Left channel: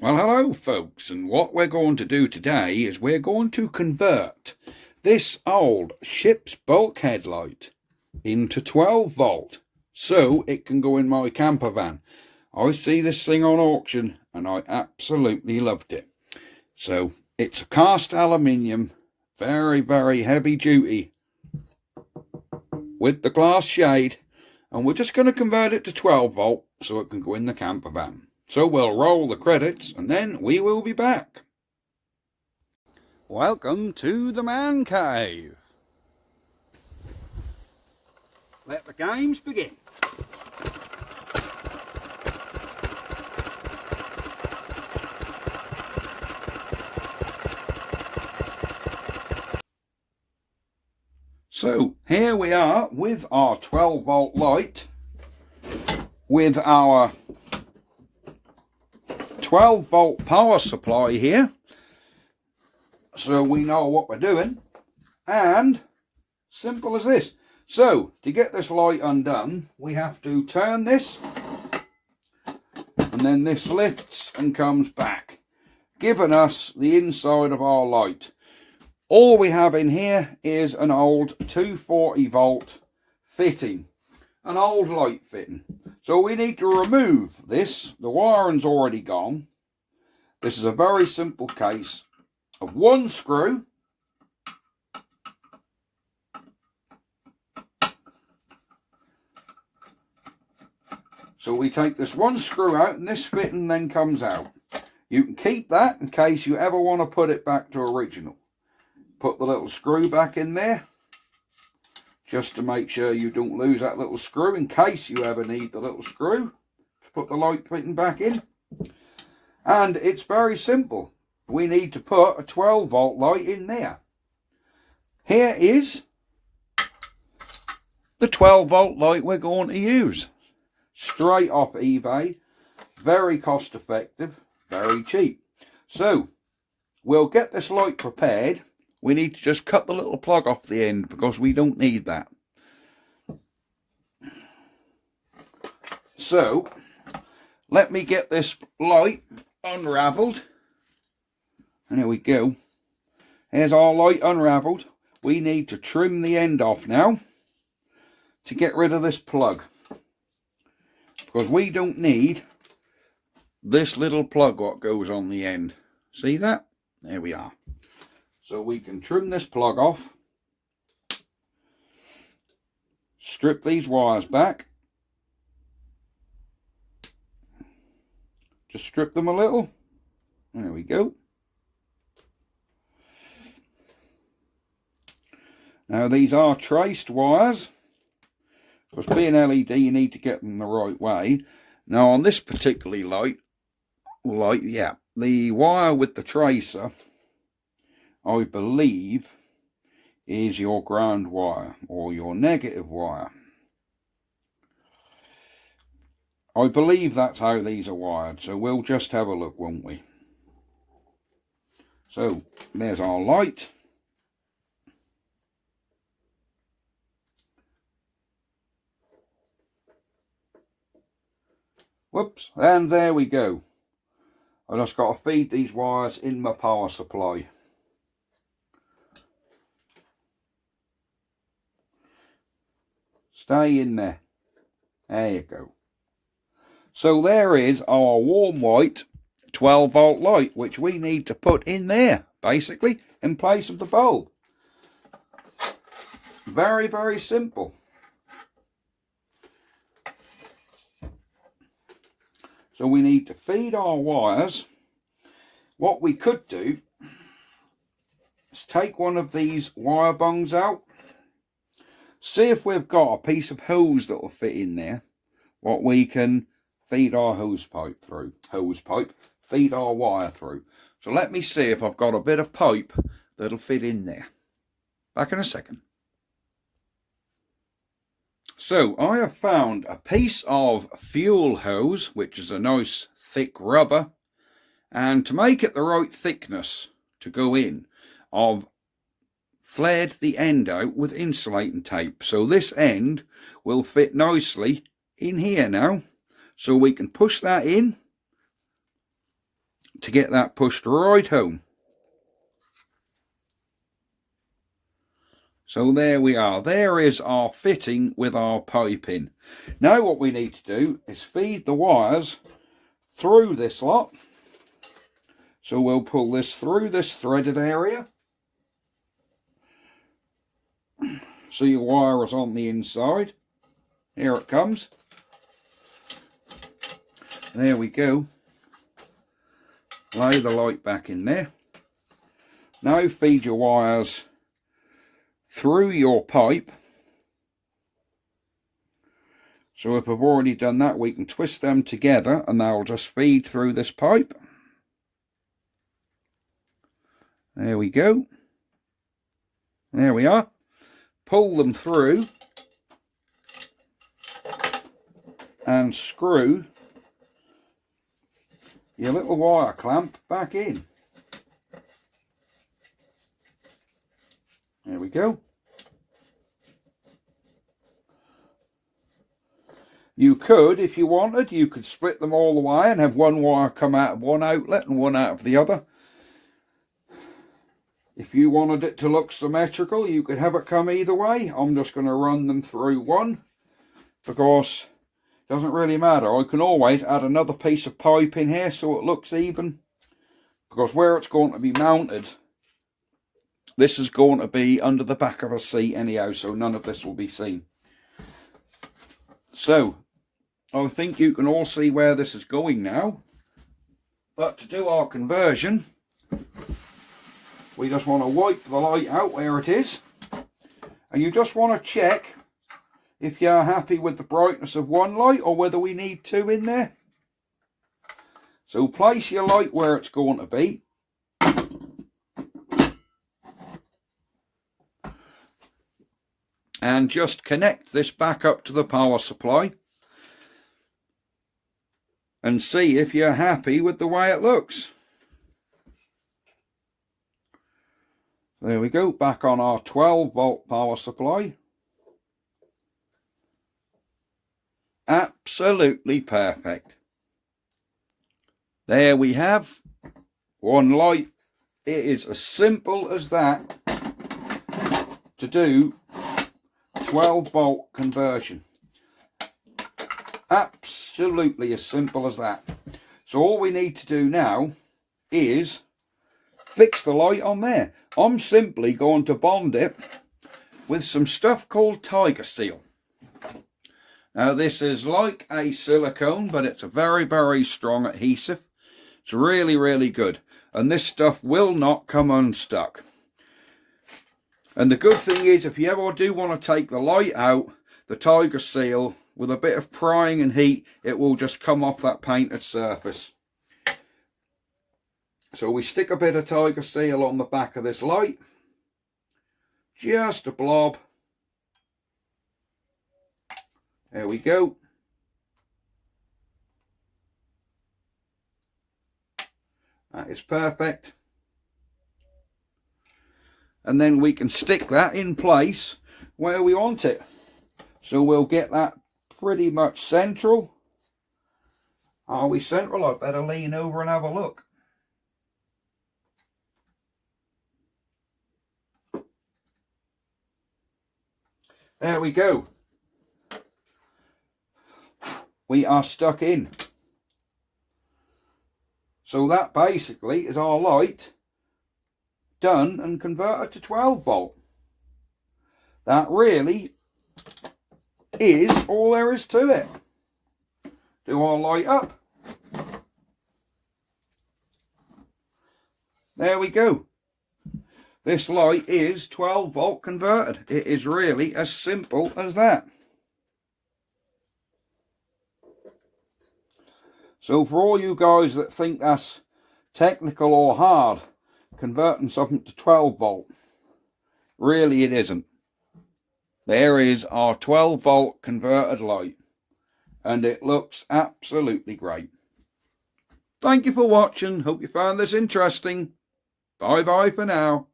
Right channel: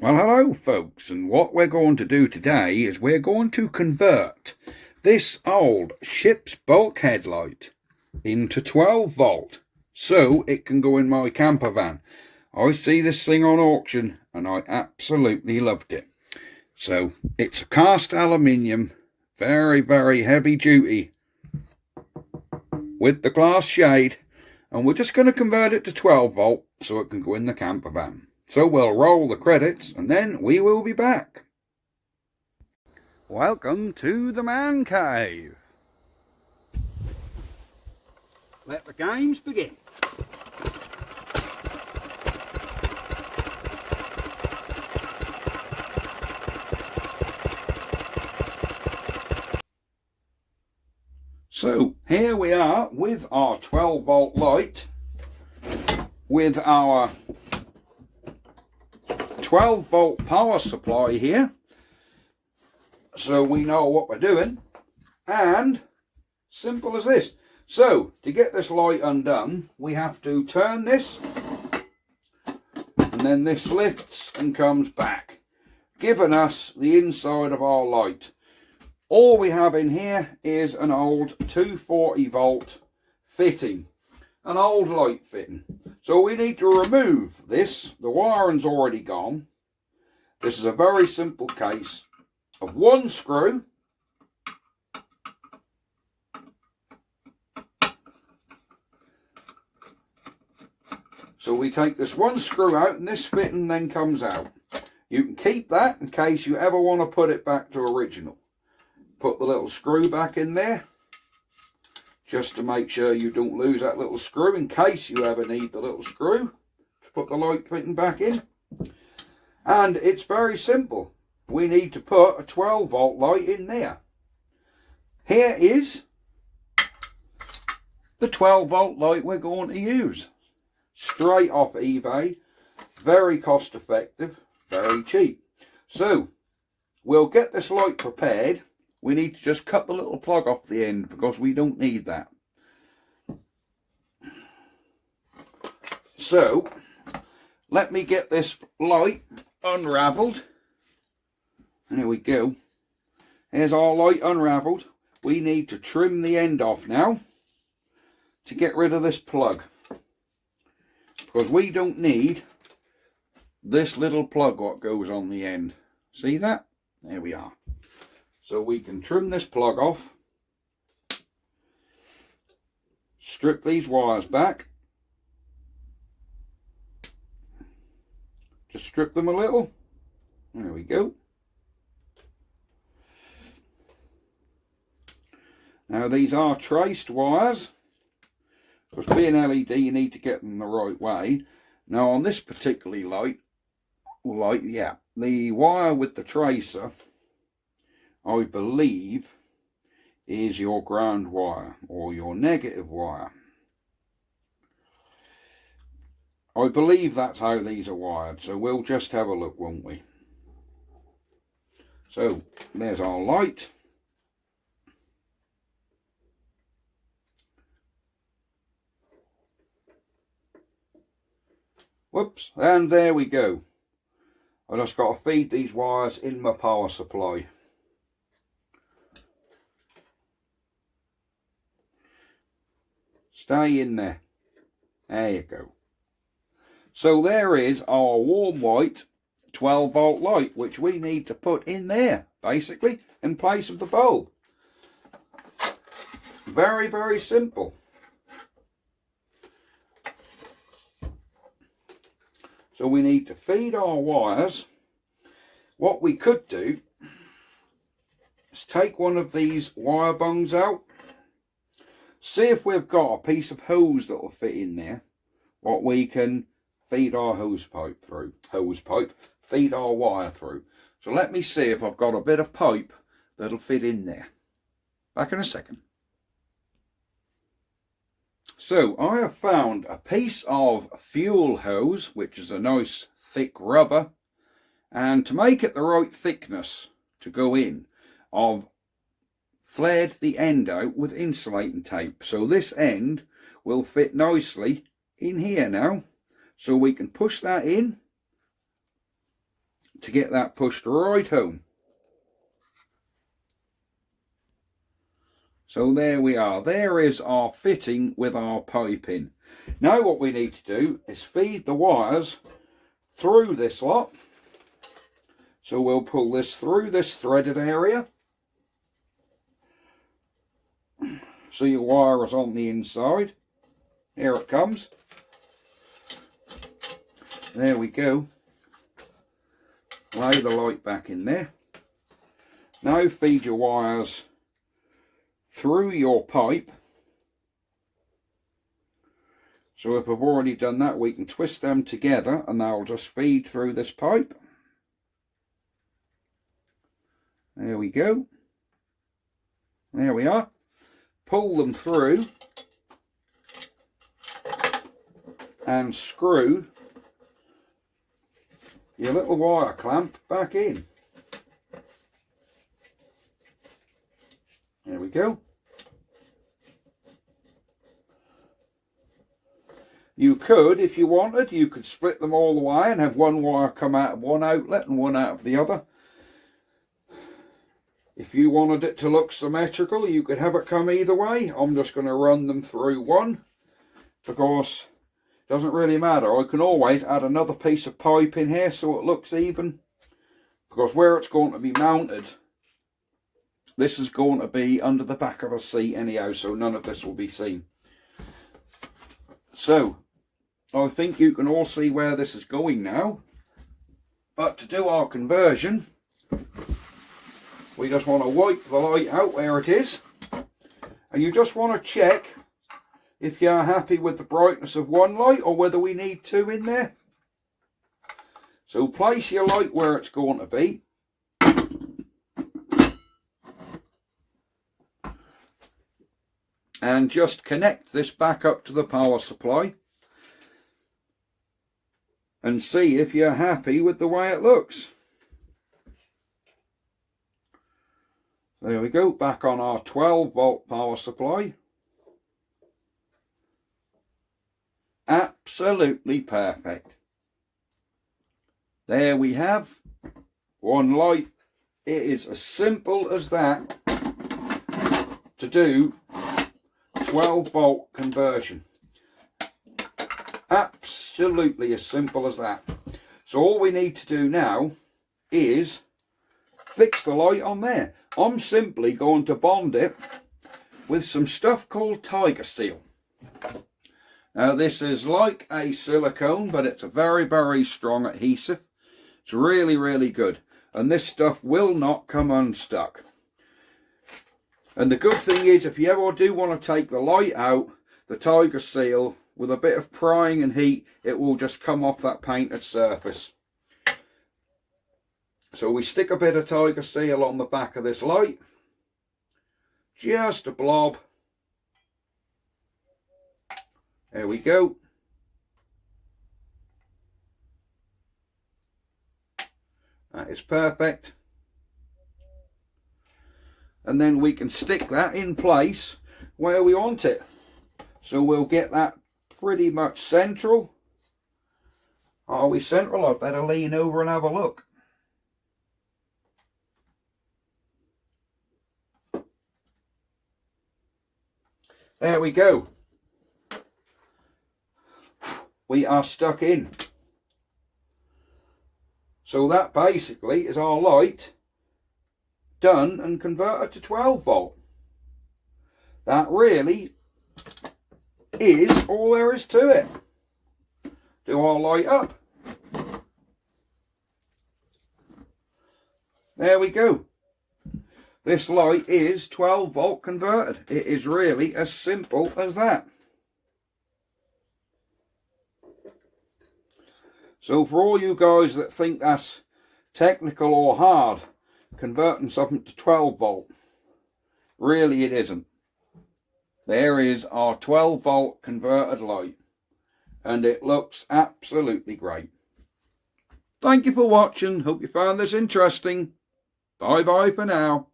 Well, hello folks, and what we're going to do today is we're going to convert this old ship's bulkhead light into 12 volt so it can go in my camper van. I see this thing on auction and I absolutely loved it. So it's a cast aluminium, very heavy duty with the glass shade, and we're just going to convert it to 12 volt so it can go in the camper van. So we'll roll the credits and then we will be back. Welcome to the man cave. Let the games begin. So here we are with our 12 volt light with our 12 volt power supply here, so we know what we're doing, and simple as this. So to get this light undone, we have to turn this, and then this lifts and comes back, giving us the inside of our light. All we have in here is an old 240 volt fitting, an old light fitting. So we need to remove this. The wiring's already gone. This is a very simple case of one screw. So we take this one screw out and this fitting then comes out. You can keep that in case you ever want to put it back to original. Put the little screw back in there, just to make sure you don't lose that little screw in case you ever need the little screw to put the light fitting back in. And it's very simple. We need to put a 12 volt light in there. Here is the 12 volt light we're going to use. Straight off eBay. Very cost effective, very cheap. So we'll get this light prepared. We need to just cut the little plug off the end because we don't need that. So let me get this light unravelled. And here we go. Here's our light unravelled. We need to trim the end off now to get rid of this plug, because we don't need this little plug what goes on the end. See that? There we are. So we can trim this plug off, strip these wires back, just strip them a little. There we go. Now these are traced wires, because being LED you need to get them the right way. Now on this particular light, the wire with the tracer, I believe, is your ground wire or your negative wire. I believe that's how these are wired, so we'll just have a look, won't we? So there's our light. Whoops, and there we go. I just got to feed these wires in my power supply. Stay in there. There you go. So there is our warm white 12 volt light, which we need to put in there, basically, in place of the bulb. Very simple. So we need to feed our wires. What we could do is take one of these wire bungs out. See if we've got a piece of hose that will fit in there, what we can feed our feed our wire through. So let me see if I've got a bit of pipe that'll fit in there. Back in a second. So I have found a piece of fuel hose, which is a nice thick rubber, and to make it the right thickness to go in, I've flared the end out with insulating tape, so this end will fit nicely in here now. So we can push that in to get that pushed right home. So there we are. There is our fitting with our piping. Now what we need to do is feed the wires through this lot. So we'll pull this through this threaded area. So your wire is on the inside. Here it comes. There we go. Lay the light back in there. Now feed your wires through your pipe. So if I've already done that, we can twist them together and they'll just feed through this pipe. There we go. There we are. Pull them through and screw your little wire clamp back in. There we go. You could, if you wanted, you could split them all the way and have one wire come out of one outlet and one out of the other. If you wanted it to look symmetrical, you could have it come either way. I'm just going to run them through one because it doesn't really matter. I can always add another piece of pipe in here so it looks even, because where it's going to be mounted, this is going to be under the back of a seat anyhow, so none of this will be seen. So I think you can all see where this is going now. But to do our conversion, we just want to wipe the light out where it is. And you just want to check if you're happy with the brightness of one light or whether we need two in there. So place your light where it's going to be. And just connect this back up to the power supply. And see if you're happy with the way it looks. There we go, back on our 12-volt power supply. Absolutely perfect. There we have one light. It is as simple as that to do 12-volt conversion. Absolutely as simple as that. So all we need to do now is fix the light on there. I'm simply going to bond it with some stuff called Tiger Seal. Now this is like a silicone, but it's a very, very strong adhesive. It's really, really good. And this stuff will not come unstuck. And the good thing is, if you ever do want to take the light out, the Tiger Seal, with a bit of prying and heat, it will just come off that painted surface. So we stick a bit of Tiger Seal on the back of this light. Just a blob. There we go. That is perfect. And then we can stick that in place where we want it. So we'll get that pretty much central. Are we central? I better lean over and have a look. There we go. We are stuck in. So that basically is our light done and converted to 12-volt. That really is all there is to it. Do our light up. There we go. This light is 12-volt converted. It is really as simple as that. So for all you guys that think that's technical or hard, converting something to 12-volt, really it isn't. There is our 12-volt converted light, and it looks absolutely great. Thank you for watching. Hope you found this interesting. Bye bye for now.